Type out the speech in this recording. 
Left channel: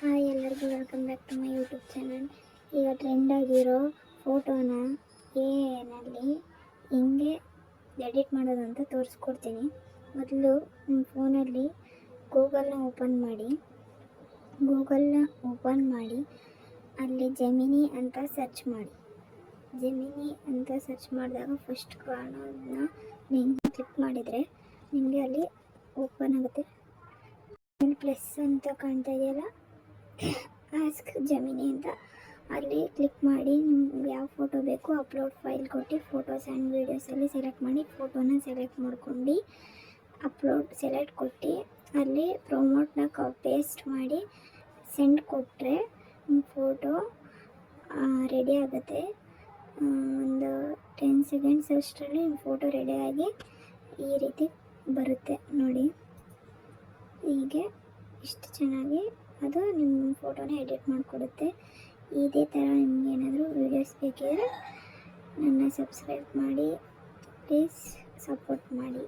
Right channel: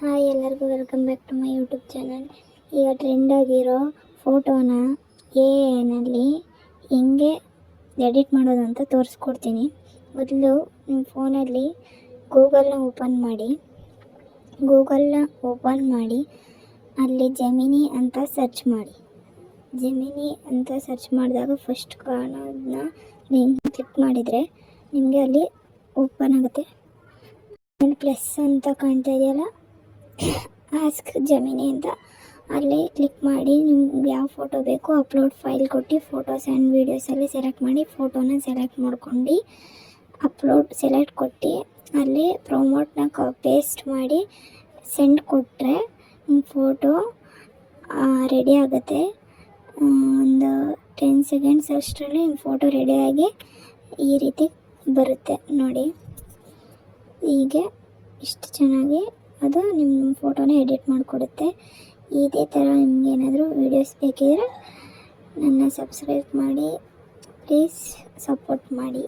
Hi ಎಲ್ಲರಿಗೂ welcome back to my YouTube channel. ಈಗ ಟ್ರೆಂಡಾಗಿರೋ ಫೋಟೋನ ಎನಲ್ಲಿ ಹೆಂಗೆ ಎಡಿಟ್ ಮಾಡೋದು ಅಂತ ತೋರಿಸ್ಕೊಡ್ತೀನಿ. ಮೊದಲು ನಿಮ್ಮ ಫೋನಲ್ಲಿ ಗೂಗಲ್ನ ಓಪನ್ ಮಾಡಿ ಅಲ್ಲಿ ಜೆಮಿನಿ ಅಂತ ಸರ್ಚ್ ಮಾಡಿ. ಜೆಮಿನಿ ಅಂತ ಸರ್ಚ್ ಮಾಡಿದಾಗ ಫಸ್ಟ್ ಕಾಣೋದನ್ನ ಲಿಂಕ್ ಕ್ಲಿಕ್ ಮಾಡಿದರೆ ನಿಮಗೆ ಅಲ್ಲಿ ಓಪನ್ ಆಗುತ್ತೆ. ಪ್ಲಸ್ ಅಂತ ಕಾಣ್ತಾ ಇದೆಯಲ್ಲ, ಆಸ್ಕ್ ಜೆಮಿನಿ ಅಂತ, ಅಲ್ಲಿ ಕ್ಲಿಕ್ ಮಾಡಿ ನಿಮ್ಗೆ ಯಾವ ಫೋಟೋ ಬೇಕು ಅಪ್ಲೋಡ್ ಫೈಲ್ ಕೊಟ್ಟು ಫೋಟೋಸ್ ಆ್ಯಂಡ್ ವೀಡಿಯೋಸಲ್ಲಿ ಸೆಲೆಕ್ಟ್ ಮಾಡಿ ಫೋಟೋನ ಸೆಲೆಕ್ಟ್ ಮಾಡ್ಕೊಂಡು ಅಪ್ಲೋಡ್ ಸೆಲೆಕ್ಟ್ ಕೊಟ್ಟು ಅಲ್ಲಿ ಪ್ರೊಮೋಟ್ನ ಪೇಸ್ಟ್ ಮಾಡಿ ಸೆಂಡ್ ಕೊಟ್ಟರೆ ನಿಮ್ಮ ಫೋಟೋ ರೆಡಿ ಆಗುತ್ತೆ. ಒಂದು 10 ಸೆಕೆಂಡ್ಸ್ ಅಷ್ಟರಲ್ಲಿ ನಿಮ್ಮ ಫೋಟೋ ರೆಡಿಯಾಗಿ ಈ ರೀತಿ ಬರುತ್ತೆ ನೋಡಿ. ಹೀಗೆ ಇಷ್ಟು ಚೆನ್ನಾಗಿ ಅದು ನಿಮ್ಮ ಫೋಟೋನ ಎಡಿಟ್ ಮಾಡಿಕೊಡುತ್ತೆ. ಇದೇ ಥರ ನಿಮ್ಗೆ ಏನಾದರೂ ವೀಡಿಯೋಸ್ ಬೇಕಿದ್ರೆ ನನ್ನ ಸಬ್ಸ್ಕ್ರೈಬ್ ಮಾಡಿ, ಪ್ಲೀಸ್ ಸಪೋರ್ಟ್ ಮಾಡಿ.